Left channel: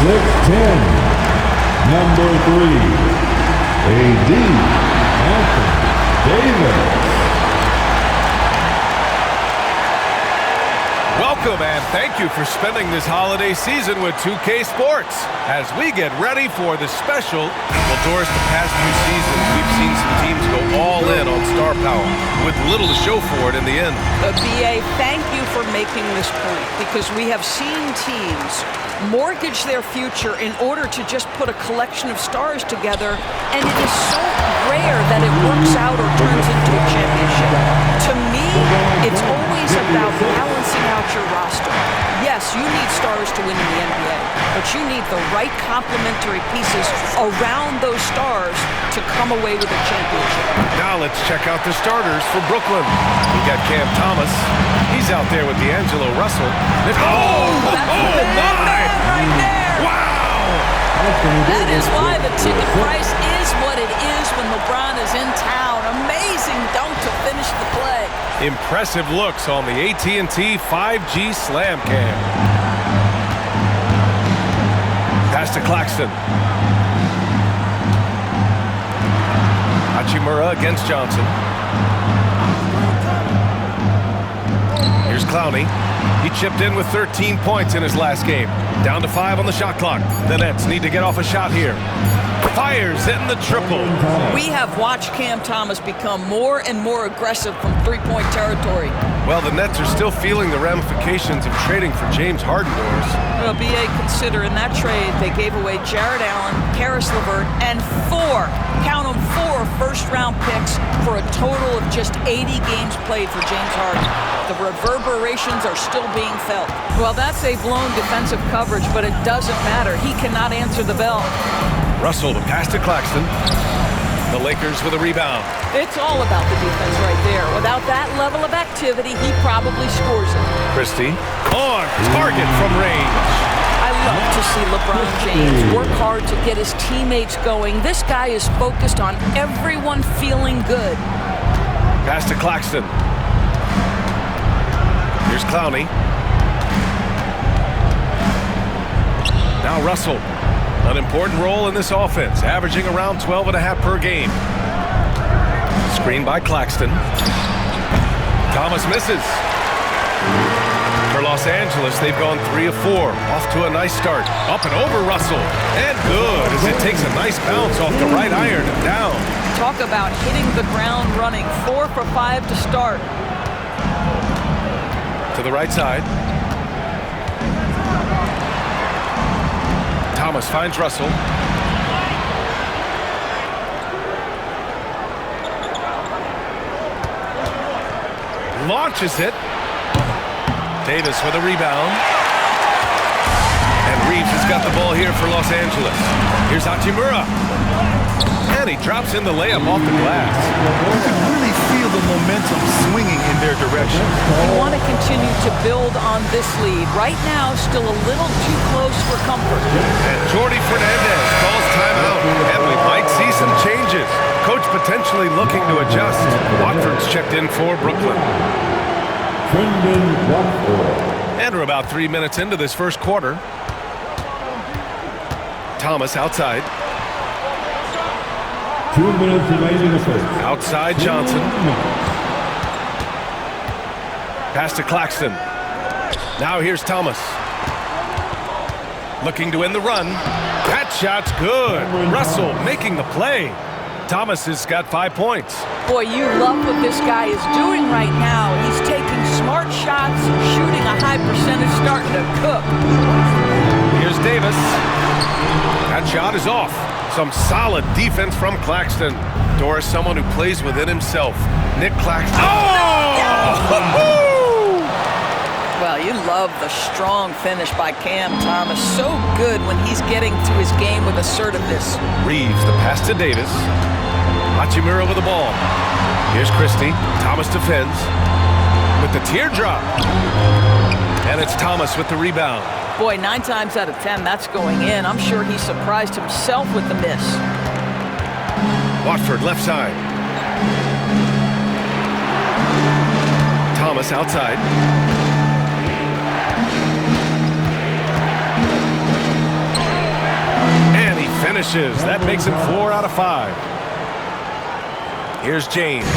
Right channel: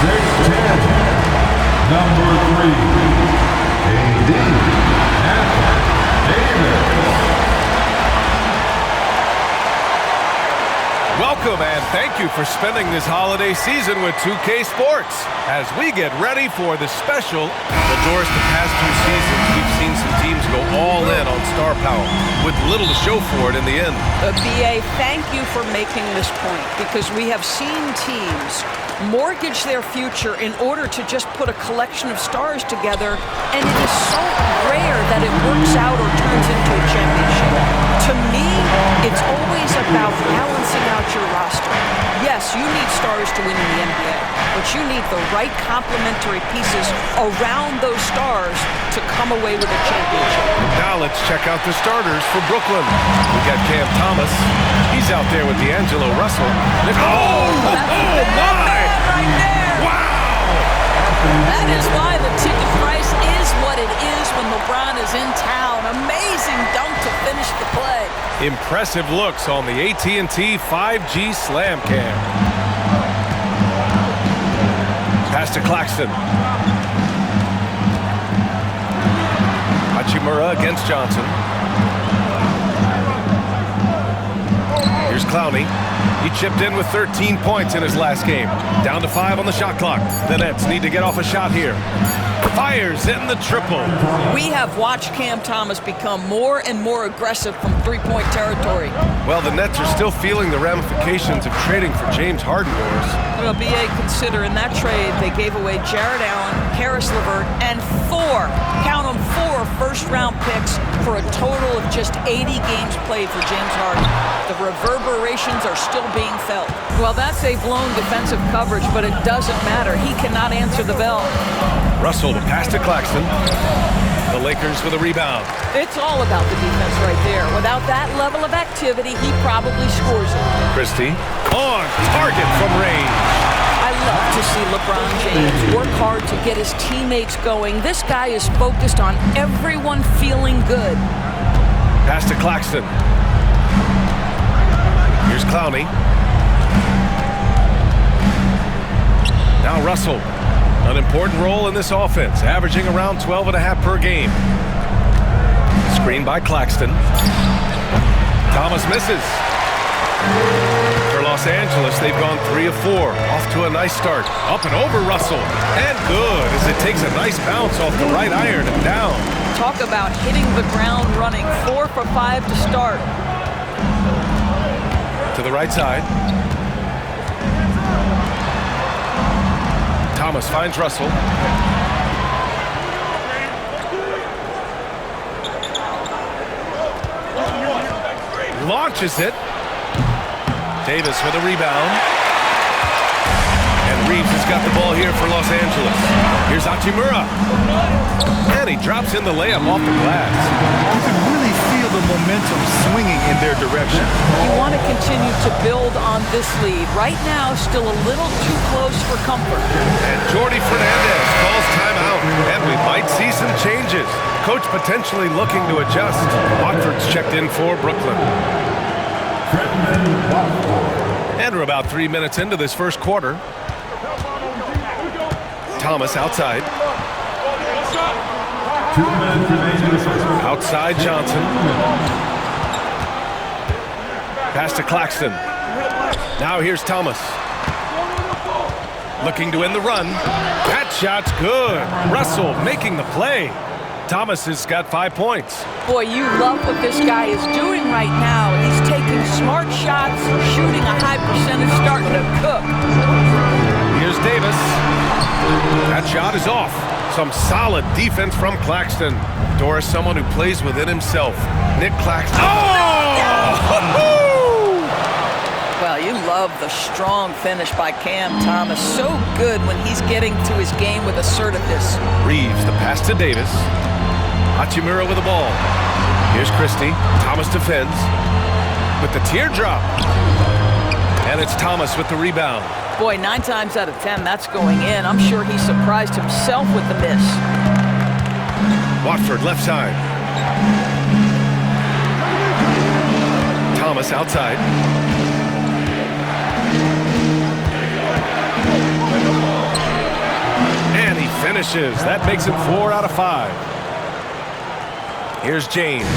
6'10", number 3, AD Anthony Davis. Welcome and thank you for spending this holiday season with 2K Sports as we get ready for the special. Well, Doris, the past few seasons, we've seen some teams go all in on star power with little to show for it in the end. BA, thank you for making this point because we have seen teams mortgage their future in order to just put a collection of stars together, and it is so rare that it works out or turns into a championship. To me, it's always about balancing out your roster. Yes, you need stars to win in the NBA, but you need the right complementary pieces around those stars to come away with a championship. Now let's check out the starters for Brooklyn. We got Cam Thomas. He's out there with D'Angelo Russell. That's a bad man right there. Wow! That is why the ticket price is what it is when LeBron is in town. Amazing dunk to finish the play. Impressive looks on the AT&T 5G Slam Cam. Pass to Claxton. Hachimura against Johnson. Here's Clowney. He chipped in with 13 points in his last game. Down to 5 on the shot clock. The Nets need to get off a shot here. Fires in the triple. We have watched Cam Thomas become more and more aggressive from three-point territory. Well, the Nets are still feeling the ramifications of trading for James Harden, Doris. Well, BA, consider in that trade they gave away Jared Allen, Karis LeVert, and 4 first-round picks for a total of just 80 games played for James Harden. The reverberations are still being felt. Well, that's a blown defensive coverage, but it doesn't matter. He cannot answer the bell. Russell to pass to Claxton. The Lakers with a rebound. It's all about the defense right there. Without that level of activity, he probably scores it. Christie on target from range. I love to see LeBron James work hard to get his teammates going. This guy is focused on everyone feeling good. Pass to Claxton. Here's Clowney. Now Russell. An important role in this offense, averaging around 12.5 per game. Screen by Claxton. Thomas misses. For Los Angeles, they've gone 3 of 4. Off to a nice start. Up and over Russell. And good as it takes a nice bounce off the right iron and down. Talk about hitting the ground running. 4 for 5 to start. To the right side. Thomas finds Russell. Launches it. Davis with a rebound. And Reeves has got the ball here for Los Angeles. Here's Hachimura. And he drops in the layup off the glass. You can really feel the momentum swinging in their direction. You want to continue to build on this lead. Right now, still a little too close for comfort. And Jordi Fernandez calls timeout. And we might see some changes. Coach potentially looking to adjust. Watford's checked in for Brooklyn. And we're about 3 minutes into this first quarter. Thomas outside. 2 minutes remaining. Outside Johnson. Pass to Claxton. Now here's Thomas. Looking to end the run. That shot's good. Russell making the play. Thomas has got 5 points. Boy, you love what this guy is doing right now. He's taking smart shots, shooting a high percentage, starting to cook. Here's Davis. That shot is off. Some solid defense from Claxton. Doris, someone who plays within himself. Nick Claxton. Oh! Well, you love the strong finish by Cam Thomas. So good when he's getting to his game with assertiveness. Reeves, the pass to Davis. Hachimura with the ball. Here's Christie. Thomas defends with the teardrop. And it's Thomas with the rebound. Boy, 9 times out of 10, that's going in. I'm sure he surprised himself with the miss. Watford left side. Thomas outside. finishes. That makes him 4 out of 5. Here's James.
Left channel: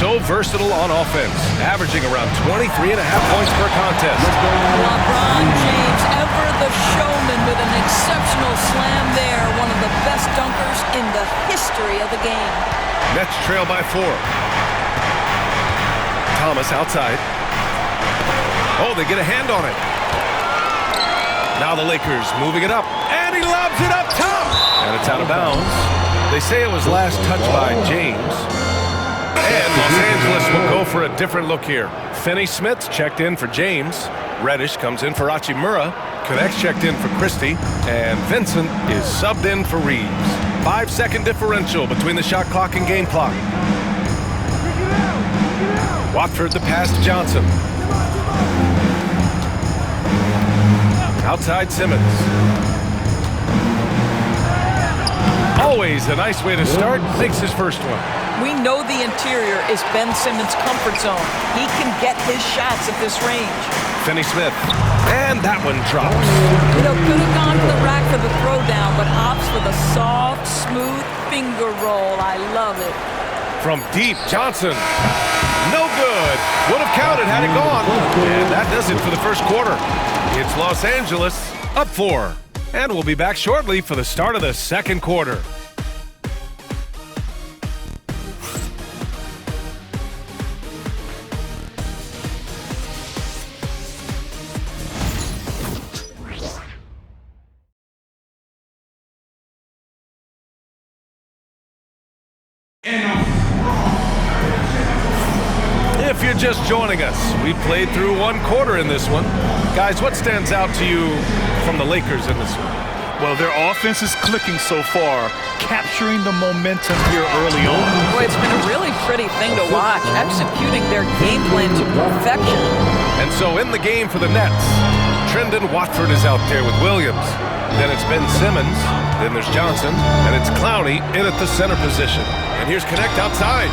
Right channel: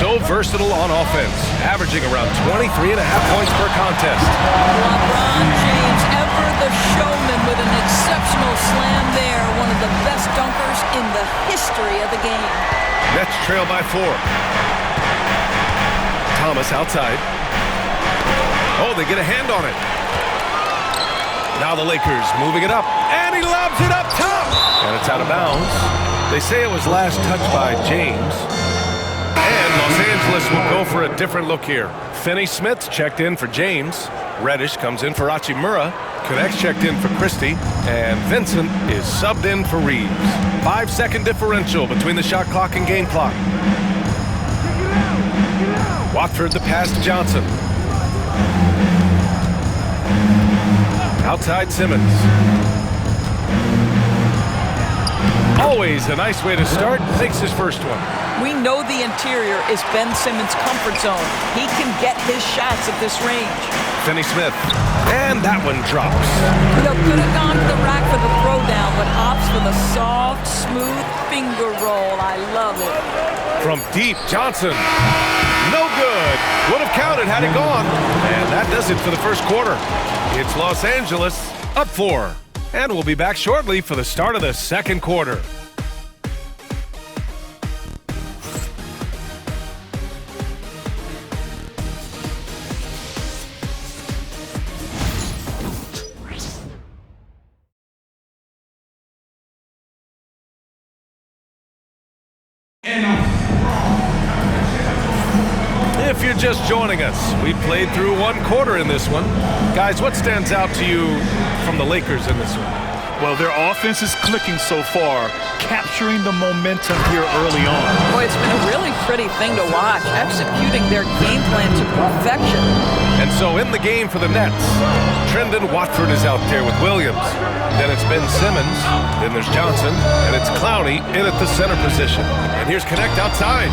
So versatile on offense, averaging around 23.5 points per contest. LeBron James, ever the showman with an exceptional slam there. One of the best dunkers in the history of the game. Nets trail by 4. Thomas outside. Oh, they get a hand on it. Now the Lakers moving it up, and he lobs it up top. And it's out of bounds. They say it was last touched by James. And Los Angeles will go for a different look here. Finney Smith checked in for James. Reddish comes in for Hachimura. Connects checked in for Christie. And Vincent is subbed in for Reeves. 5-second differential between the shot clock and game clock. Watford the pass to Johnson. Outside Simmons. Always a nice way to start. Makes his first one. We know the interior is Ben Simmons' comfort zone. He can get his shots at this range. Finney Smith. And that one drops. You know, could have gone to the rack for the throwdown, but opts for the soft, smooth finger roll. I love it. From deep, Johnson. No good. Would have counted had it gone. And that does it for the first quarter. It's Los Angeles up 4. And we'll be back shortly for the start of the second quarter. If you're just joining us, we played through 1 quarter in this one. Guys, what stands out to you from the Lakers in this one? Well, their offense is clicking so far, capturing the momentum here early on. Boy, it's been a really pretty thing to watch, executing their game plan to perfection. And so in the game for the Nets, Trendon Watford is out there with Williams. Then it's Ben Simmons, then there's Johnson, and it's Clowney in at the center position. And here's Connect outside.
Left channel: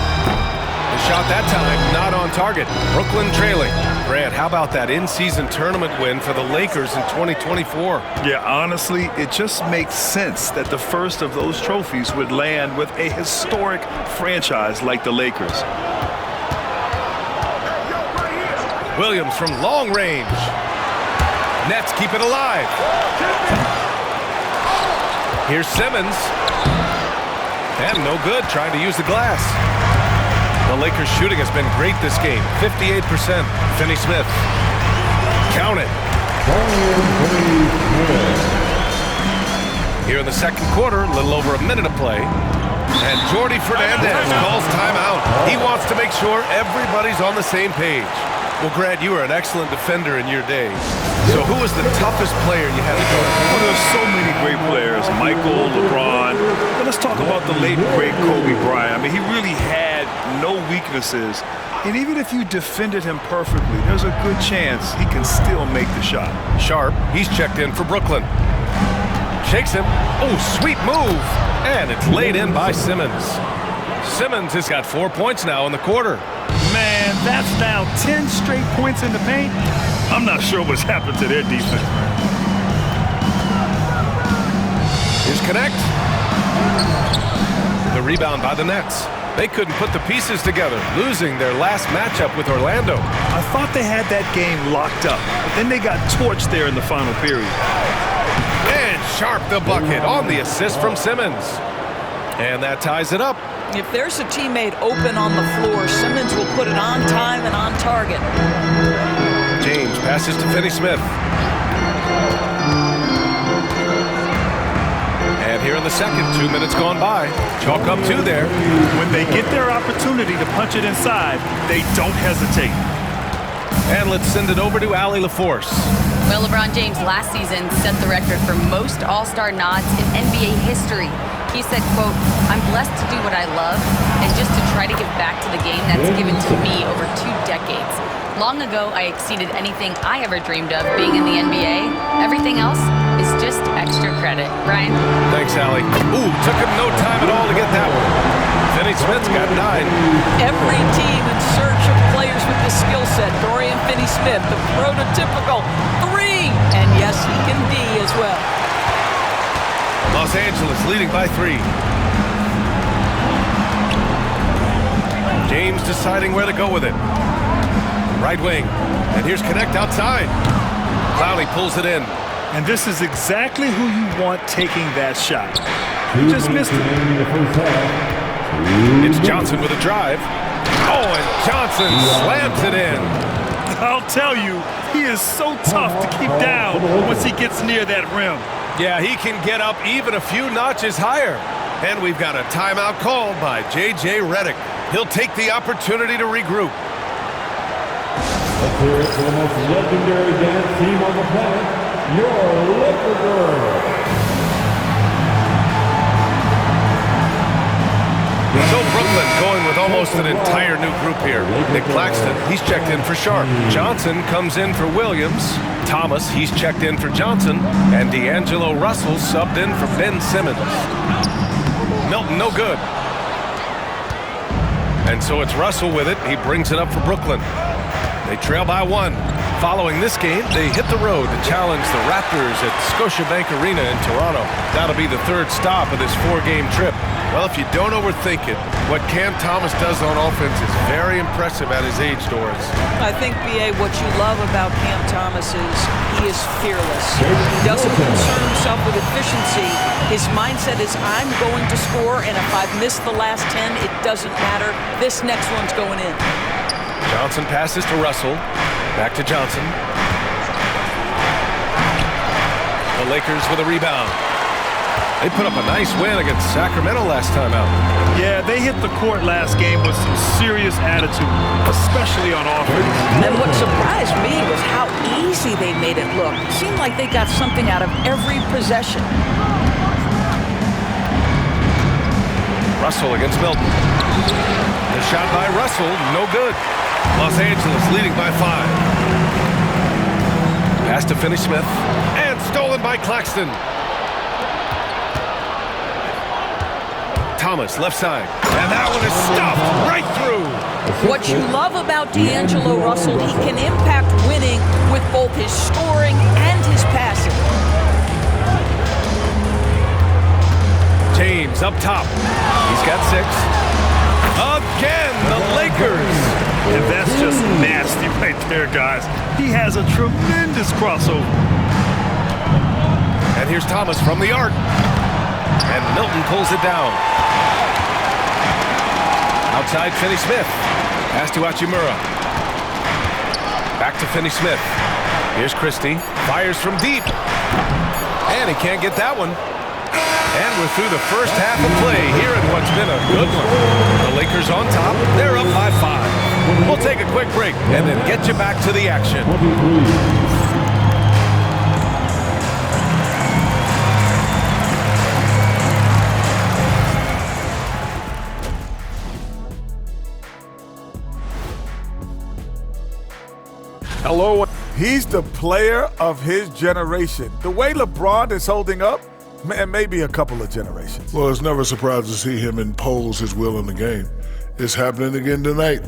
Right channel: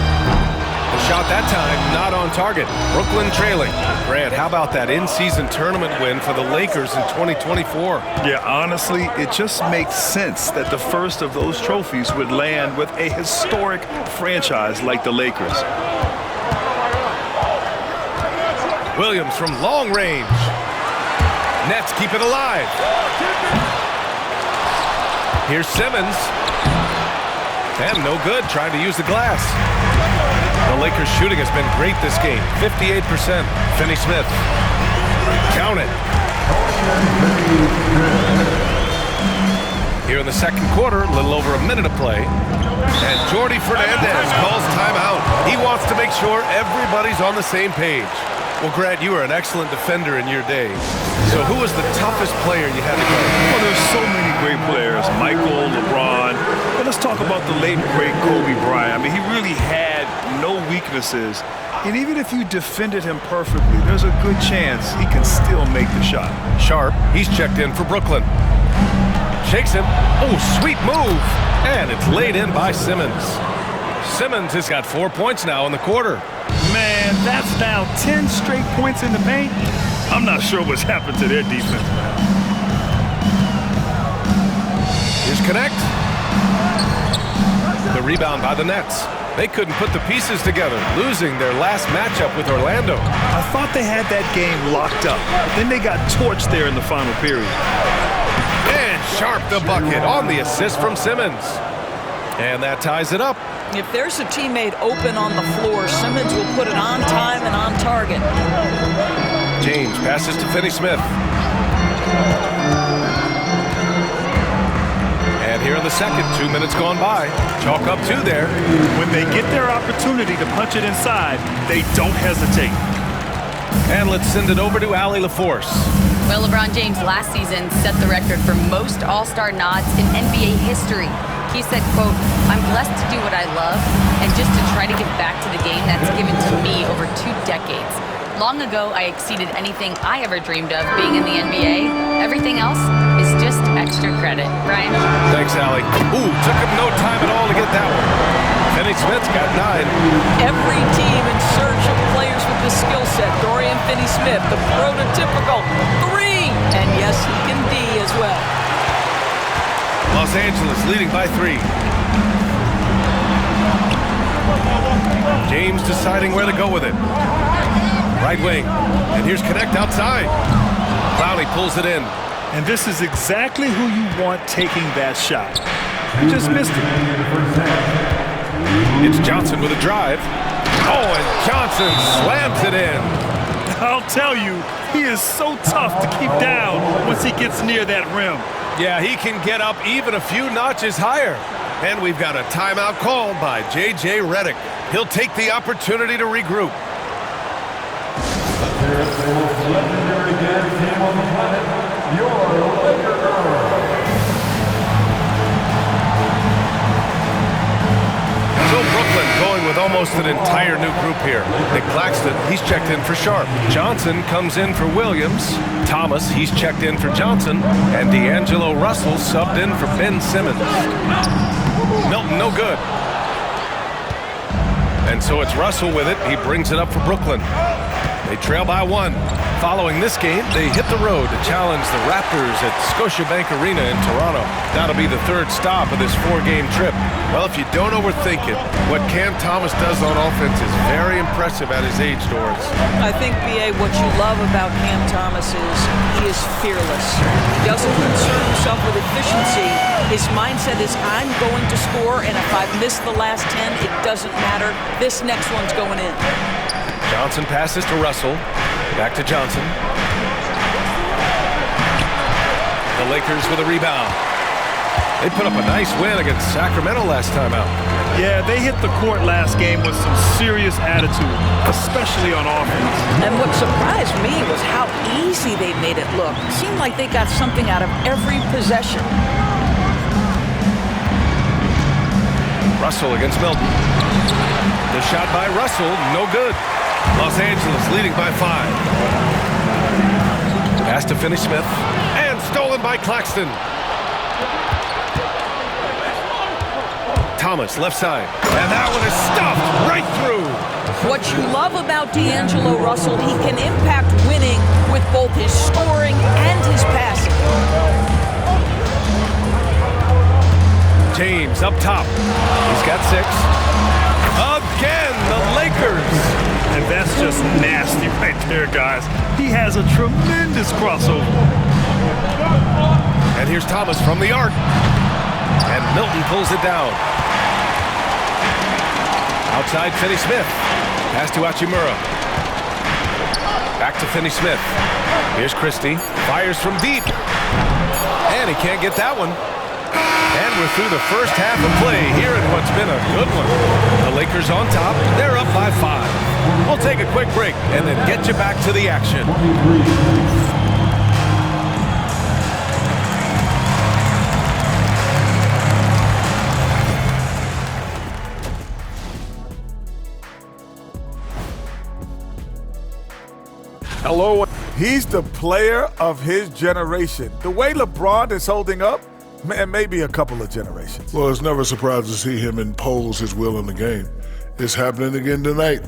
The shot that time, not on target. Brooklyn trailing. Grant, how about that in-season tournament win for the Lakers in 2024? Yeah, honestly, it just makes sense that the first of those trophies would land with a historic franchise like the Lakers. Williams from long range. Nets keep it alive. Here's Simmons. And no good, trying to use the glass. The Lakers' shooting has been great this game, 58%. Finney Smith. Count it. Here in the second quarter, a little over a minute of play. And Jordi Fernandez calls timeout. He wants to make sure everybody's on the same page. Well, Grant, you were an excellent defender in your day. So who was the toughest player you had to guard? Well, there's so many great players. Michael, LeBron. But let's talk about the late, great Kobe Bryant. I mean, he really had no weaknesses. And even if you defended him perfectly, there's a good chance he can still make the shot. Sharp, he's checked in for Brooklyn. Shakes him. Oh, sweet move. And it's laid in by Simmons. Simmons has got 4 points now in the quarter. Man, that's now 10 straight points in the paint. I'm not sure what's happened to their defense, man. Here's Connect. The rebound by the Nets. They couldn't put the pieces together, losing their last matchup with Orlando. I thought they had that game locked up, but then they got torched there in the final period. And Sharp the bucket on the assist from Simmons. And that ties it up. If there's a teammate open on the floor, Simmons will put it on time and on target. James passes to Finney Smith. And here in the second, 2 minutes gone by. Chalk up 2 there. When they get their opportunity to punch it inside, they don't hesitate. And let's send it over to Allie LaForce. Well, LeBron James last season set the record for most All-Star nods in NBA history. He said, quote, "I'm blessed to do what I love and just to try to give back to the game that's given to me over 2 decades. Long ago, I exceeded anything I ever dreamed of being in the NBA. Everything else is just extra credit." Brian? Thanks, Allie. Ooh, took him no time at all to get that one. Finney Smith's got 9. Every team in search of players with this skill set. Dorian Finney-Smith, the prototypical 3. And yes, he can D as well. Los Angeles leading by 3. James deciding where to go with it. Right wing. And here's Connect outside. Clowney pulls it in. And this is exactly who you want taking that shot. He just missed it. It's Johnson with a drive. Oh, and Johnson slams it in. I'll tell you, he is so tough to keep down once he gets near that rim. Yeah, he can get up even a few notches higher. And we've got a timeout called by J.J. Redick. He'll take the opportunity to regroup. Let's hear it for the most legendary dance team on the planet, your Laker Girls. So Brooklyn going with almost an entire new group here. Nick Claxton, he's checked in for Sharp. Johnson comes in for Williams. Thomas, he's checked in for Johnson. And D'Angelo Russell subbed in for Ben Simmons. Milton, no good. And so it's Russell with it. He brings it up for Brooklyn. They trail by 1. Following this game, they hit the road to challenge the Raptors at Scotiabank Arena in Toronto. That'll be the 3rd stop of this 4-game trip. Well, if you don't overthink it, what Cam Thomas does on offense is very impressive at his age, Doris. I think, B.A., what you love about Cam Thomas is he is fearless. He doesn't concern himself with efficiency. His mindset is, I'm going to score, and if I've missed the last 10, it doesn't matter. This next one's going in. Johnson passes to Russell. Back to Johnson. The Lakers with a rebound. They put up a nice win against Sacramento last time out. Yeah, they hit the court last game with some serious attitude, especially on offense. And what surprised me was how easy they made it look. It seemed like they got something out of every possession. Russell against Milton. The shot by Russell, no good. Los Angeles leading by 5. Pass to Finney-Smith. And stolen by Claxton. Thomas, left side. And that one is stuffed right through. What you love about D'Angelo Russell, he can impact winning with both his scoring and his passing. James up top. He's got 6. Again, the Lakers. And that's just nasty right there, guys. He has a tremendous crossover. And here's Thomas from the arc. And Milton pulls it down. Outside Finney-Smith. Pass to Hachimura. Back to Finney-Smith. Here's Christie. Fires from deep. And he can't get that one. And we're through the first half of play here in what's been a good one. The Lakers on top. They're up by 5. We'll take a quick break and then get you back to the action. Hello. He's the player of his generation. The way LeBron is holding up, man, maybe a couple of generations. Well, it's never surprising to see him impose his will in the game. It's happening again tonight.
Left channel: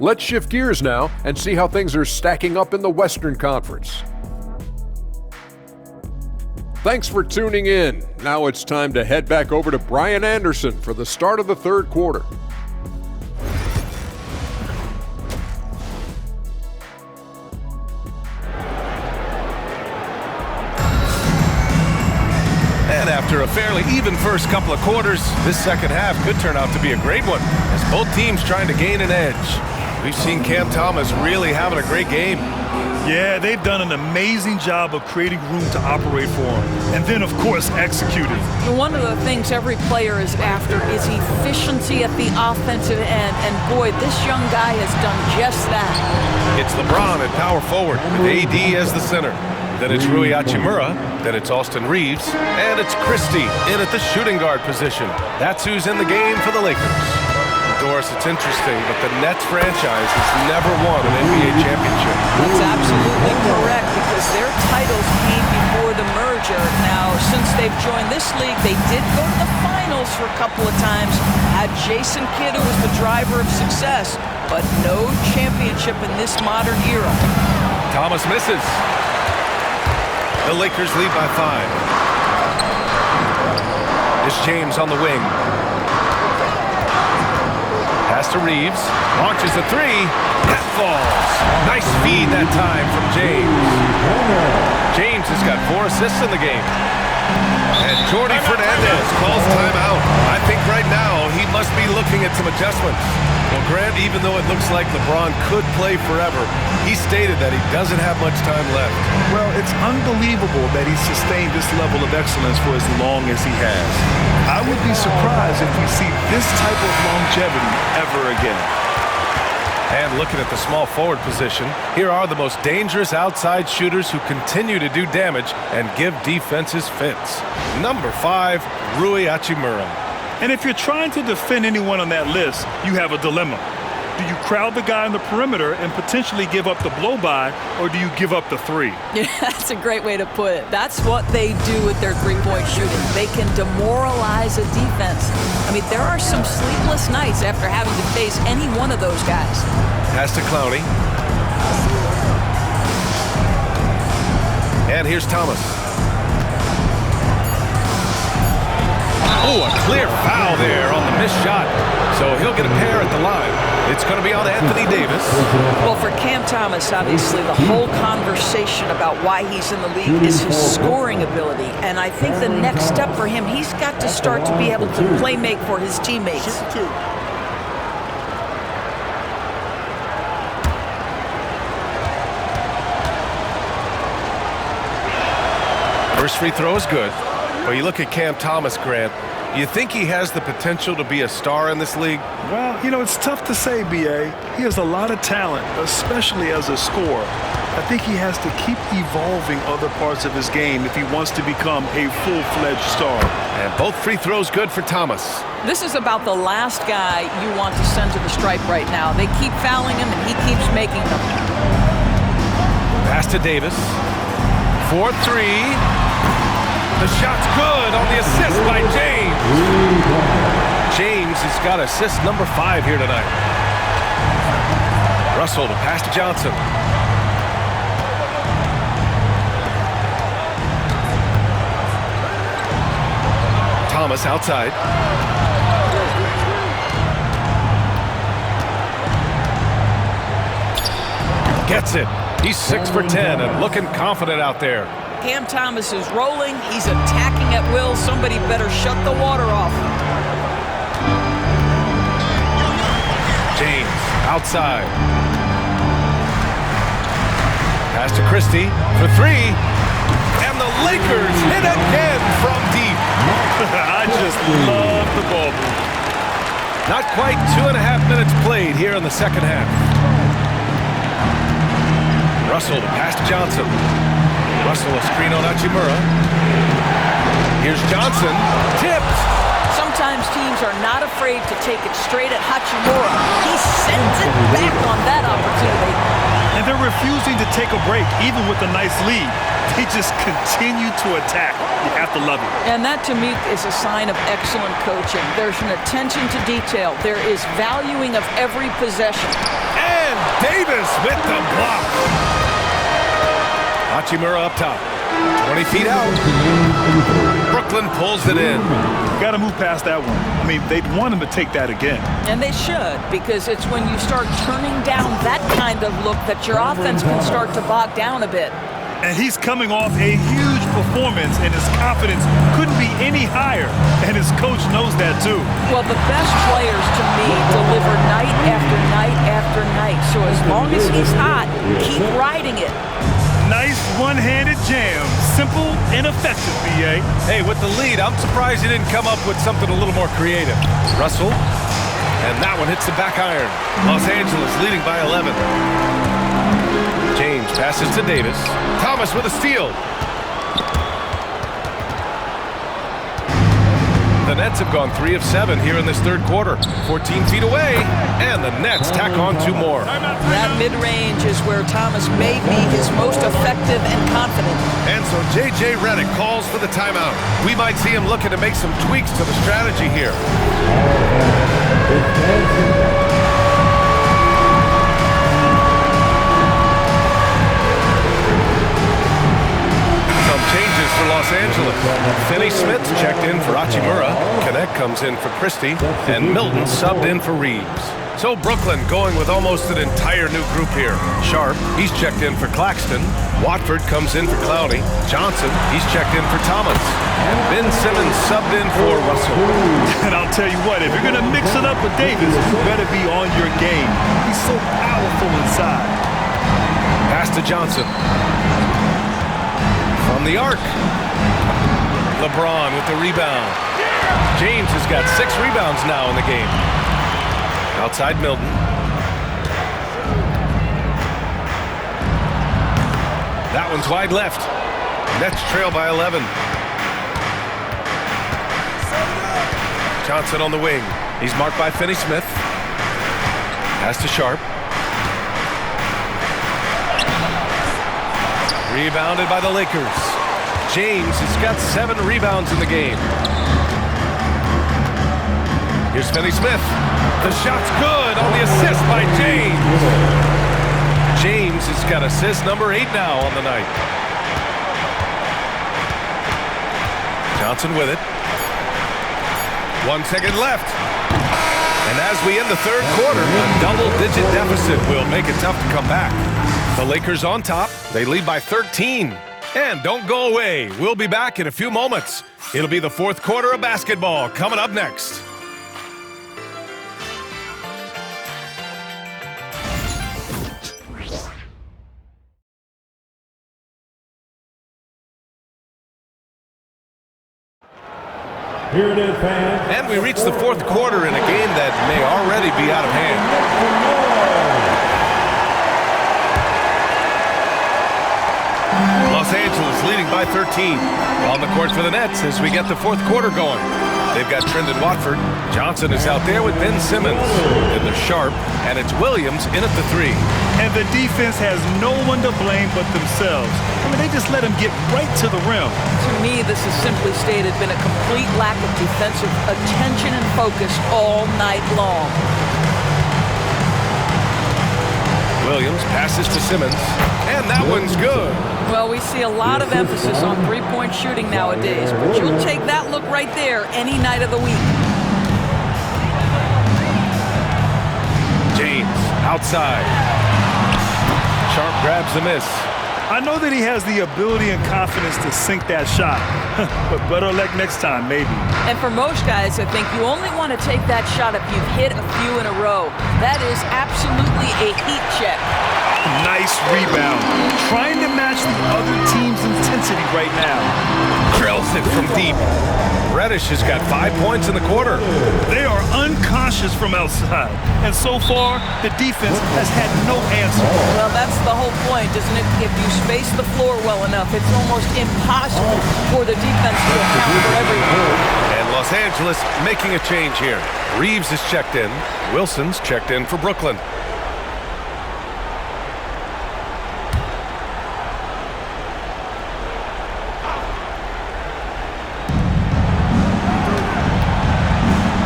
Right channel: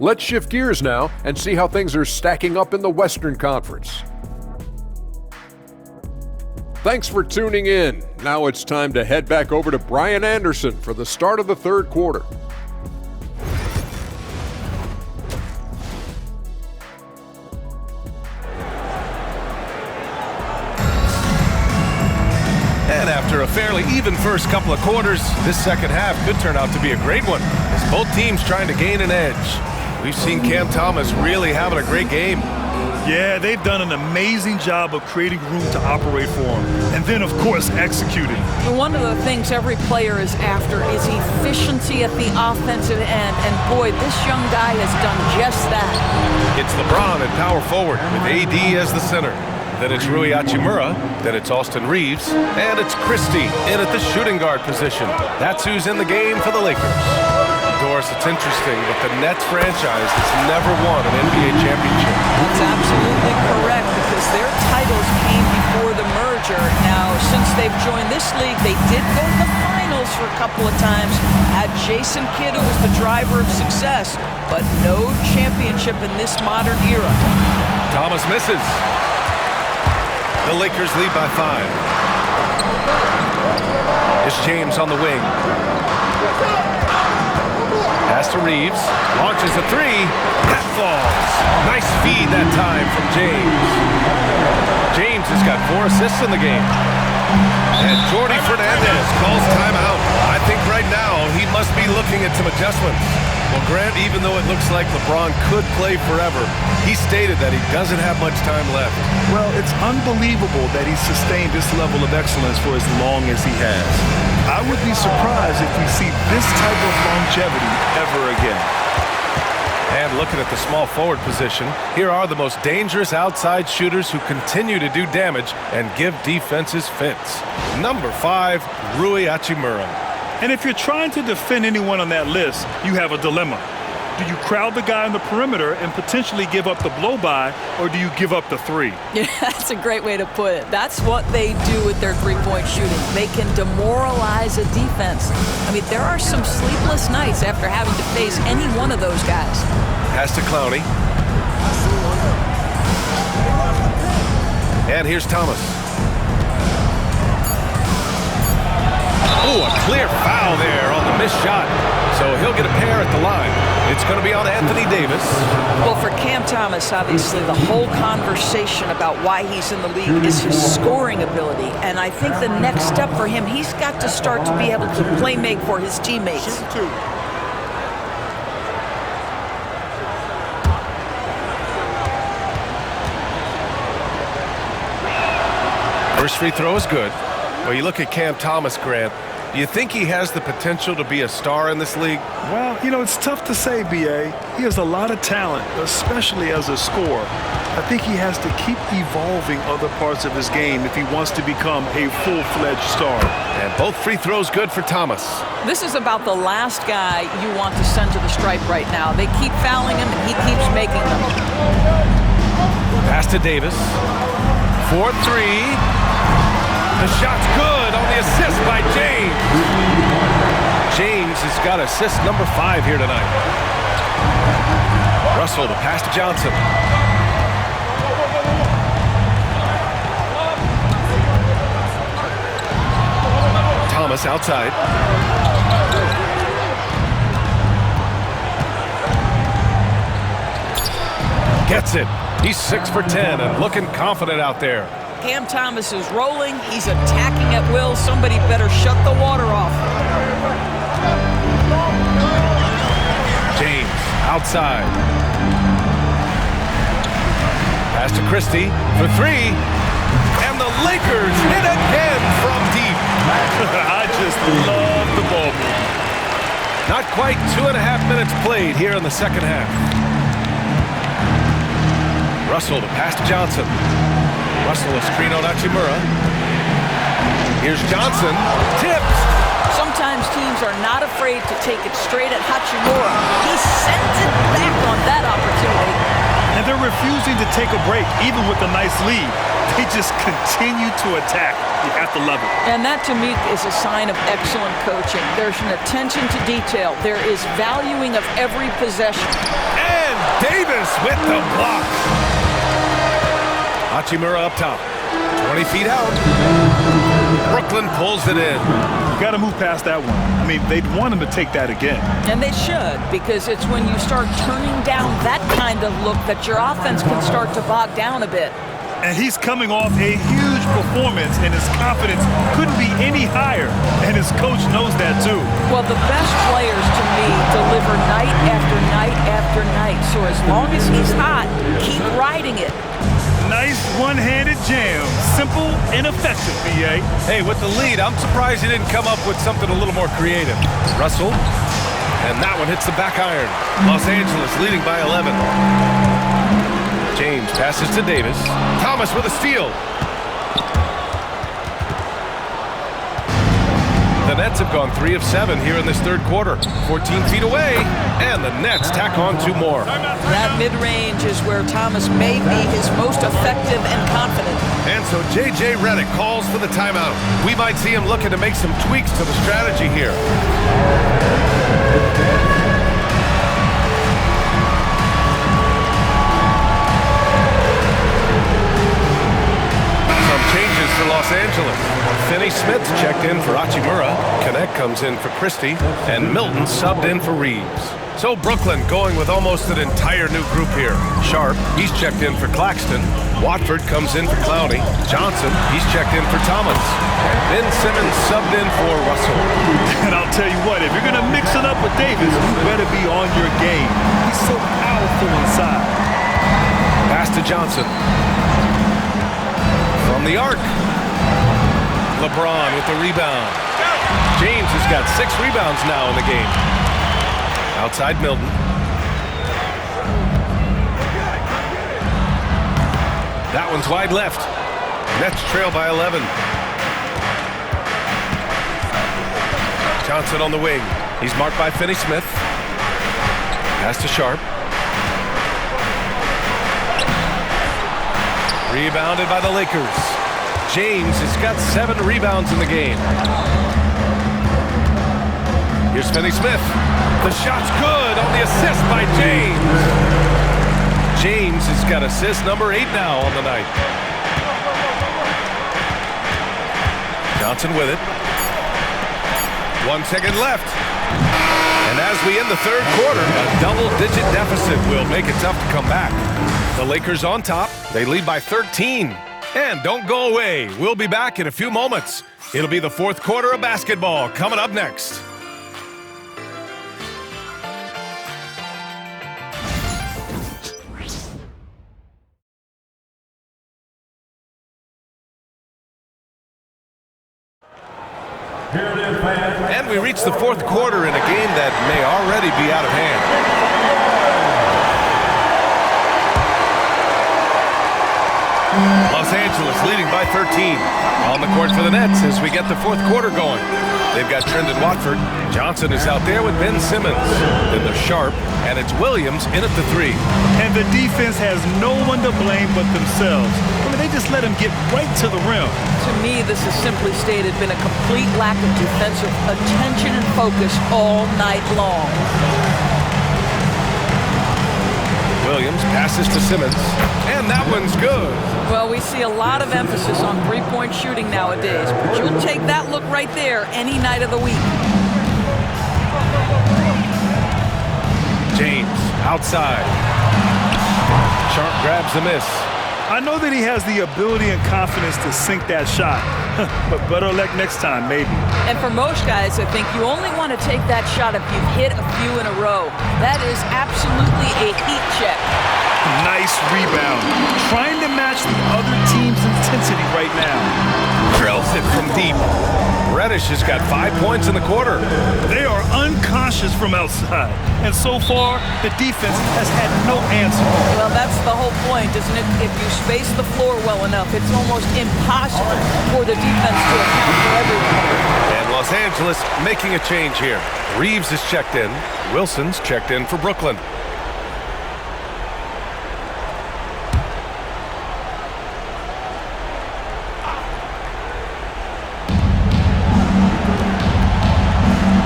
Let's shift gears now and see how things are stacking up in the Western Conference. Thanks for tuning in. Now it's time to head back over to Brian Anderson for the start of the 3rd quarter. And after a fairly even first couple of quarters, this second half could turn out to be a great one as both teams trying to gain an edge. We've seen Cam Thomas really having a great game. Yeah, they've done an amazing job of creating room to operate for him. And then, of course, executing. One of the things every player is after is efficiency at the offensive end. And boy, this young guy has done just that. It's LeBron at power forward with AD as the center. Then it's Rui Hachimura. Then it's Austin Reeves. And it's Christie in at the shooting guard position. That's who's in the game for the Lakers. Doris, it's interesting, but the Nets franchise has never won an NBA championship. That's absolutely correct because their titles came before the merger. Now, since they've joined this league, they did go to the finals finals for a couple of times, had Jason Kidd, who was the driver of success, but no championship in this modern era. Thomas misses. The Lakers lead by 5. It's James on the wing. Pass to Reeves. Launches a 3. That falls. Nice feed that time from James. James has got 4 assists in the game. And Jordi Fernandez calls timeout. I think right now he must be looking at some adjustments. Well, Grant, even though it looks like LeBron could play forever, he stated that he doesn't have much time left. Well, it's unbelievable that he's sustained this level of excellence for as long as he has. I would be surprised if we see this type of longevity ever again. And looking at the small forward position, here are the most dangerous outside shooters who continue to do damage and give defenses fits. Number 5, Rui Hachimura. And if you're trying to defend anyone on that list, you have a dilemma. Do you crowd the guy on the perimeter and potentially give up the blow-by, or do you give up the 3? Yeah, that's a great way to put it. That's what they do with their three-point shooting. They can demoralize a defense. I mean, there are some sleepless nights after having to face any one of those guys. Pass to Clowney. And here's Thomas. Oh, a clear foul there on the missed shot. So he'll get a pair at the line. It's going to be on Anthony Davis. Well, for Cam Thomas, obviously, the whole conversation about why he's in the league is his scoring ability. And I think the next step for him, he's got to start to be able to play make for his teammates. First free throw is good. Well, you look at Cam Thomas, Grant. Do you think he has the potential to be a star in this league? Well, you know, it's tough to say, B.A. He has a lot of talent, especially as a scorer. I think he has to keep evolving other parts of his game if he wants to become a full-fledged star. And both free throws good for Thomas. This is about the last guy you want to send to the stripe right now. They keep fouling him, and he keeps making them. Pass to Davis. 4-3. The shot's good on the assist by James. James has got assist number 5 here tonight. Russell, the pass to Johnson. Thomas outside. Gets it. He's 6 for 10 and looking confident out there. Cam Thomas is rolling. He's attacking at will. Somebody better shut the water off. James outside. Pass to Christie for 3. And the Lakers hit again from deep. I just love the ball movement. Not quite 2.5 minutes played here in the second half. Russell, the pass to Johnson. Russell, a screen on Hachimura. Here's Johnson, tipped. Sometimes teams are not afraid to take it straight at Hachimura. He sends it back on that opportunity. And they're refusing to take a break, even with a nice lead. They just continue to attack. You have to love it. And that, to me, is a sign of excellent coaching. There's an attention to detail. There is valuing of every possession. And Davis with the block. Hachimura up top. 20 feet out. Brooklyn pulls it in. You got to move past that one. I mean, they'd want him to take that again. And they should, because it's when you start turning down that kind of look that your offense can start to bog down a bit. And he's coming off a huge performance, and his confidence couldn't be any higher. And his coach knows that, too. Well, the best players, to me, deliver night after night after night. So as long as he's hot, keep riding it. Nice one-handed jam. Simple and effective, B.A. Hey, with the lead, I'm surprised he didn't come up with something a little more creative. Russell, and that one hits the back iron. Los Angeles leading by 11. James passes to Davis. Thomas with a steal. The Nets have gone 3 of 7 here in this third quarter. 14 feet away, and the Nets tack on 2 more. That mid-range is where Thomas may be his most effective and confident. And so J.J. Redick calls for the timeout. We might see him looking to make some tweaks to the strategy here. Changes for Los Angeles. Finney Smith checked in for Hachimura. Connect comes in for Christie. And Milton subbed in for Reeves. So Brooklyn going with almost an entire new group here. Sharp, he's checked in for Claxton. Watford comes in for Clowney. Johnson, he's checked in for Thomas. And Ben Simmons subbed in for Russell. And I'll tell you what, if you're going to mix it up with Davis, you better be on your game. He's so powerful inside. Pass to Johnson. From the arc. LeBron with the rebound. James has got 6 rebounds now in the game. Outside Milton. That one's wide left. Nets trail by 11. Johnson on the wing. He's marked by Finney Smith. Pass to Sharp. Rebounded by the Lakers. James has got 7 rebounds in the game. Here's Finney Smith. The shot's good on the assist by James. James has got assist number 8 now on the night. Johnson with it. 1 second left. And as we end the third quarter, a double-digit deficit will make it tough to come back. The Lakers on top. They lead by 13. And don't go away. We'll be back in a few moments. It'll be the fourth quarter of basketball coming up next. Here it is, fans. And we reach the fourth quarter in a game that may already be out of hand. Los Angeles leading by 13. On the court for the Nets as we get the fourth quarter going. They've got Trendon Watford. Johnson is out there with Ben Simmons. Then they're Sharp, and it's Williams in at the 3. And the defense has no one to blame but themselves. I mean, they just let him get right to the rim. To me, this has simply stated been a complete lack of defensive attention and focus all night long. Williams passes to Simmons, and that one's good. Well, we see a lot of emphasis on three-point shooting nowadays, but you'll take that look right there any night of the week. James outside. Sharp grabs the miss. I know that he has the ability and confidence to sink that shot, but better luck next time, maybe. And for most guys, I think you only want to take that shot if you've hit a few in a row. That is absolutely a heat check. Nice rebound. Trying to match the other team's intensity right now. Drills it from deep. Reddish has got 5 points in the quarter. They are unconscious from outside. And so far, the defense has had no answer. Well, that's the whole point, isn't it? If you space the floor well enough, it's almost impossible for the defense to account for everyone. And Los Angeles making a change here. Reeves is checked in. Wilson's checked in for Brooklyn.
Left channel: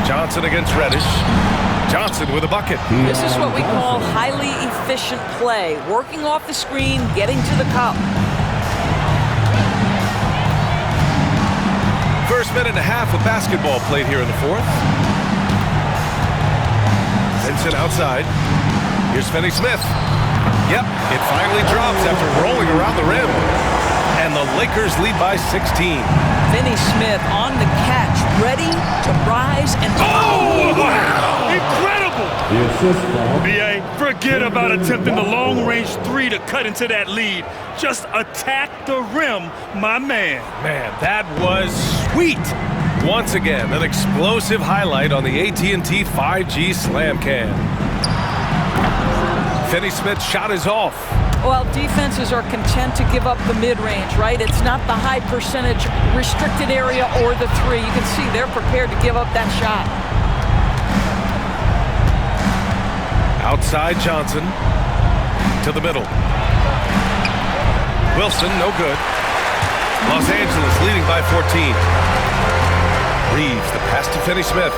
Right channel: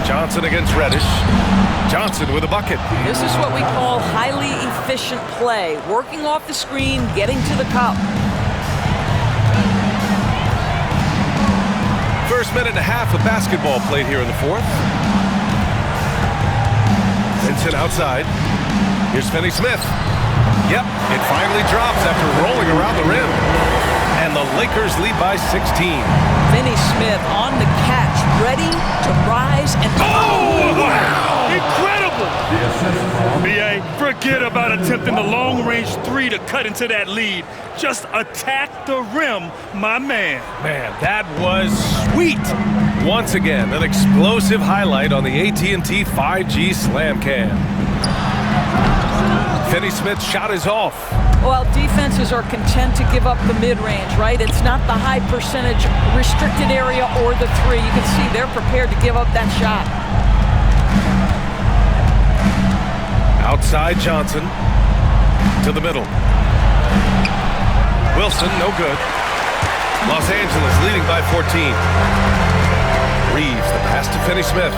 Johnson against Reddish. Johnson with a bucket. This is what we call highly efficient play. Working off the screen, getting to the cup. First minute and a half of basketball played here in the fourth. Vincent outside. Here's Finney Smith. Yep, it finally drops after rolling around the rim. And the Lakers lead by 16. Finney Smith on the catch, ready to rise and... Oh, wow! Incredible! The assist from B.A., forget about attempting the long-range 3 to cut into that lead. Just attack the rim, my man. Man, that was sweet. Once again, an explosive highlight on the AT&T 5G Slam Cam. Finney Smith's shot is off. Well, defenses are content to give up the mid-range, right? It's not the high percentage restricted area or the three. You can see they're prepared to give up that shot. Outside Johnson to the middle. Wilson, no good. Los Angeles leading by 14. Reeves, the pass to Finney-Smith.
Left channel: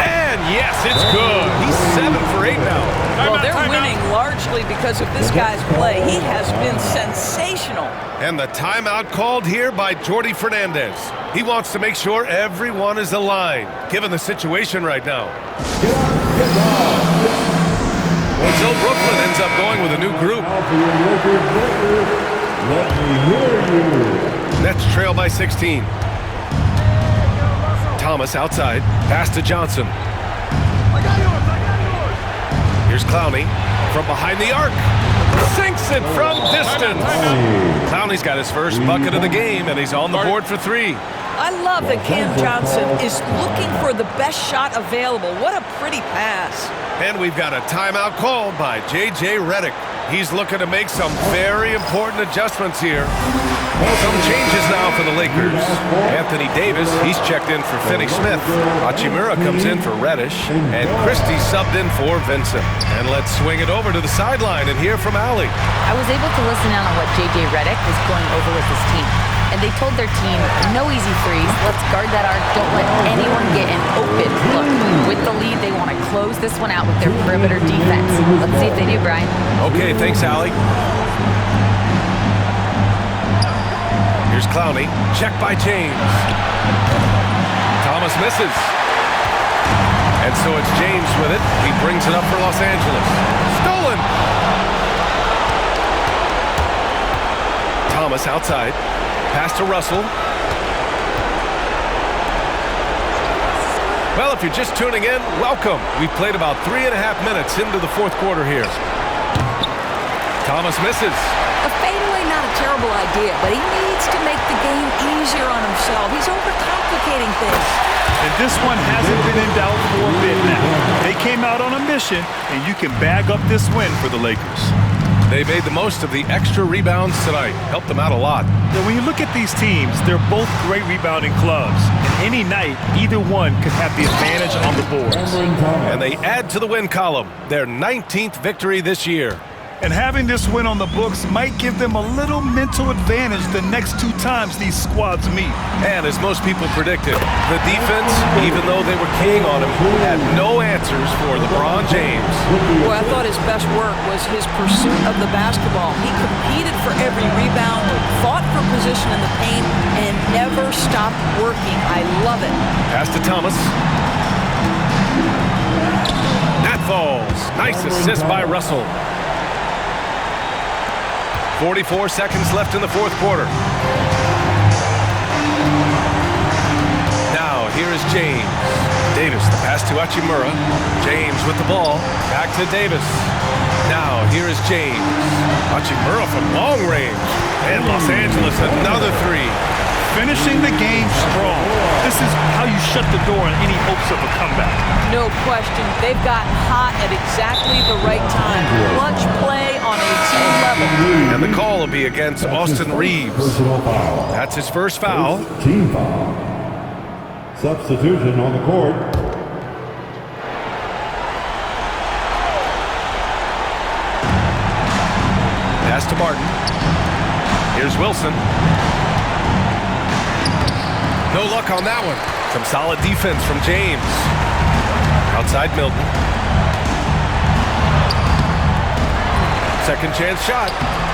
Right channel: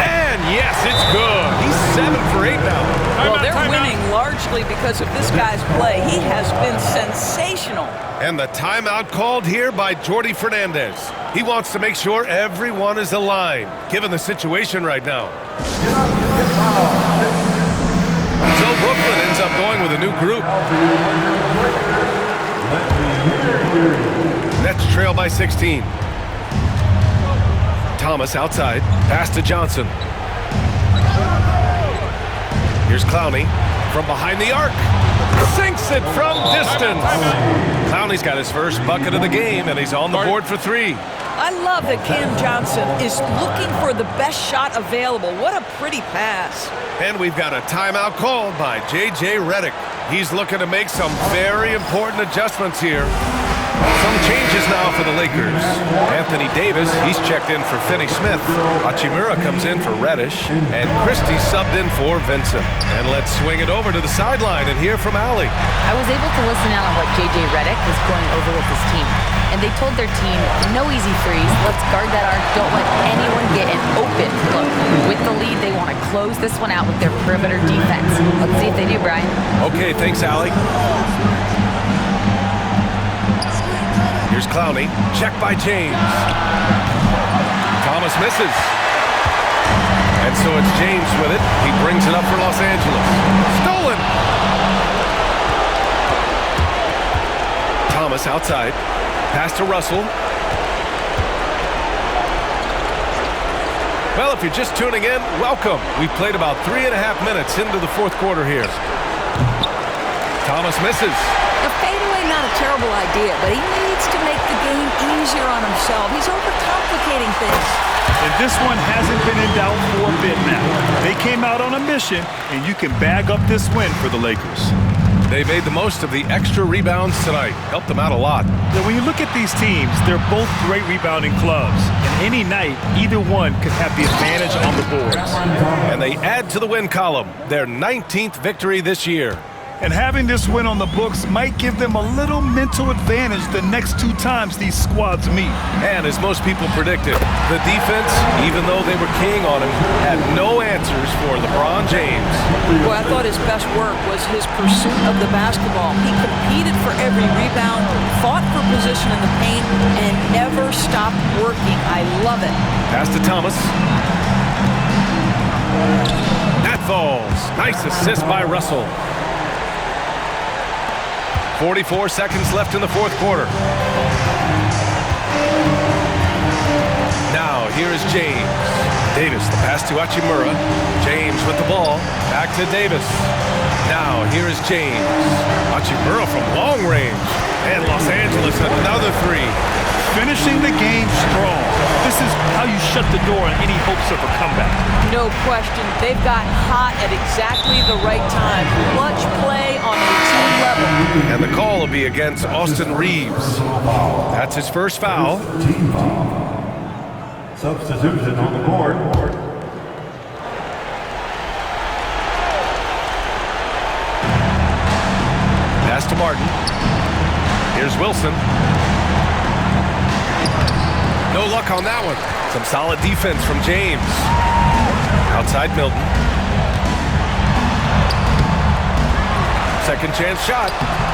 And yes, it's good. He's 7 for 8 now. Well, they're winning largely because of this guy's play. He has been sensational. And the timeout called here by Jordi Fernandez. He wants to make sure everyone is aligned, given the situation right now. So Brooklyn ends up going with a new group. Let me hear you. Nets trail by 16. Thomas outside. Pass to Johnson. Here's Clowney from behind the arc. Sinks it from distance. Clowney's got his first bucket of the game, and he's on the board for 3. I love that Cam Johnson is looking for the best shot available. What a pretty pass. And we've got a timeout called by J.J. Redick. He's looking to make some very important adjustments here. Some changes now for the Lakers. Anthony Davis, he's checked in for Finney-Smith. Hachimura comes in for Reddish. And Christie subbed in for Vincent. And let's swing it over to the sideline and hear from Allie. I was able to listen in on what J.J. Redick was going over with his team. And they told their team, no easy threes. Let's guard that arc. Don't let anyone get an open look. With the lead, they want to close this one out with their perimeter defense. Let's see if they do, Brian. Okay, thanks, Allie. Here's Clowney. Check by James. Thomas misses. And so it's James with it. He brings it up for Los Angeles. Stolen! Thomas outside. Pass to Russell. Well, if you're just tuning in, welcome. We've played about 3.5 minutes into the fourth quarter here. Thomas misses. A fadeaway, not a terrible idea, but he needs to make the game easier on himself. He's overcomplicating things. And this one hasn't been in doubt for a bit now. They came out on a mission, and you can bag up this win for the Lakers. They made the most of the extra rebounds tonight. Helped them out a lot. Now, when you look at these teams, they're both great rebounding clubs. And any night, either one could have the advantage on the boards. And they add to the win column, their 19th victory this year. And having this win on the books might give them a little mental advantage the next 2 times these squads meet. And as most people predicted, the defense, even though they were keying on him, had no answers for LeBron James. Boy, I thought his best work was his pursuit of the basketball. He competed for every rebound, fought for position in the paint, and never stopped working. I love it. Pass to Thomas. That falls. Nice assist by Russell. 44 seconds left in the fourth quarter. Now, here is James. Davis, the pass to Hachimura. James with the ball. Back to Davis. Now, here is James. Hachimura from long range. And Los Angeles, another 3. Finishing the game strong. This is how you shut the door on any hopes of a comeback. No question. They've gotten hot at exactly the right time. Clutch play on a team level. And the call will be against Austin Reeves. That's his first foul. Team foul. Substitution on the court. Pass to Martin. Here's Wilson. No luck on that one. Some solid defense from James. Outside Milton. Second chance shot.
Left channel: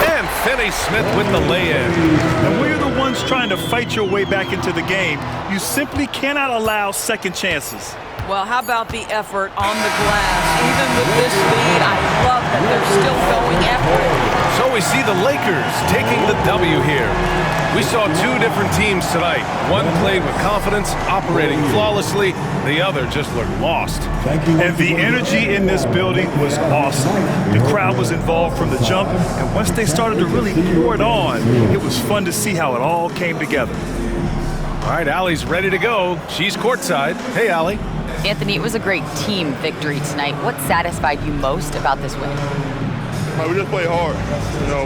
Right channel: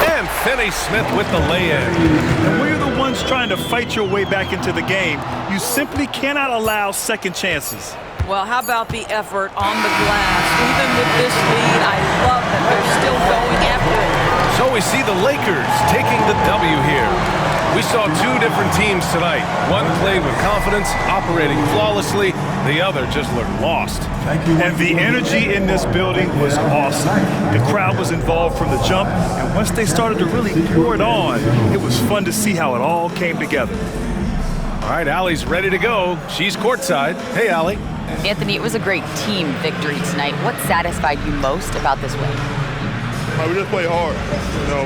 And Finney-Smith with the lay-in. And when you're the ones trying to fight your way back into the game, you simply cannot allow second chances. Well, how about the effort on the glass? Even with this lead, I love that they're still going after it. So we see the Lakers taking the W here. We saw 2 different teams tonight. One played with confidence, operating flawlessly. The other just looked lost. And the energy in this building was awesome. The crowd was involved from the jump, and once they started to really pour it on, it was fun to see how it all came together. All right, Allie's ready to go. She's courtside. Hey, Allie. Anthony, it was a great team victory tonight. What satisfied you most about this win? We just played hard.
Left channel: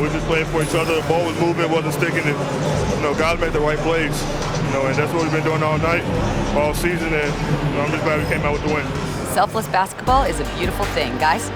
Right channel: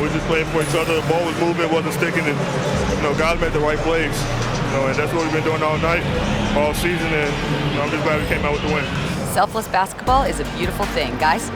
We just played for each other. The ball was moving, wasn't sticking, and guys made the right plays. And that's what we've been doing all night, all season, and I'm just glad we came out with the win. Selfless basketball is a beautiful thing, guys.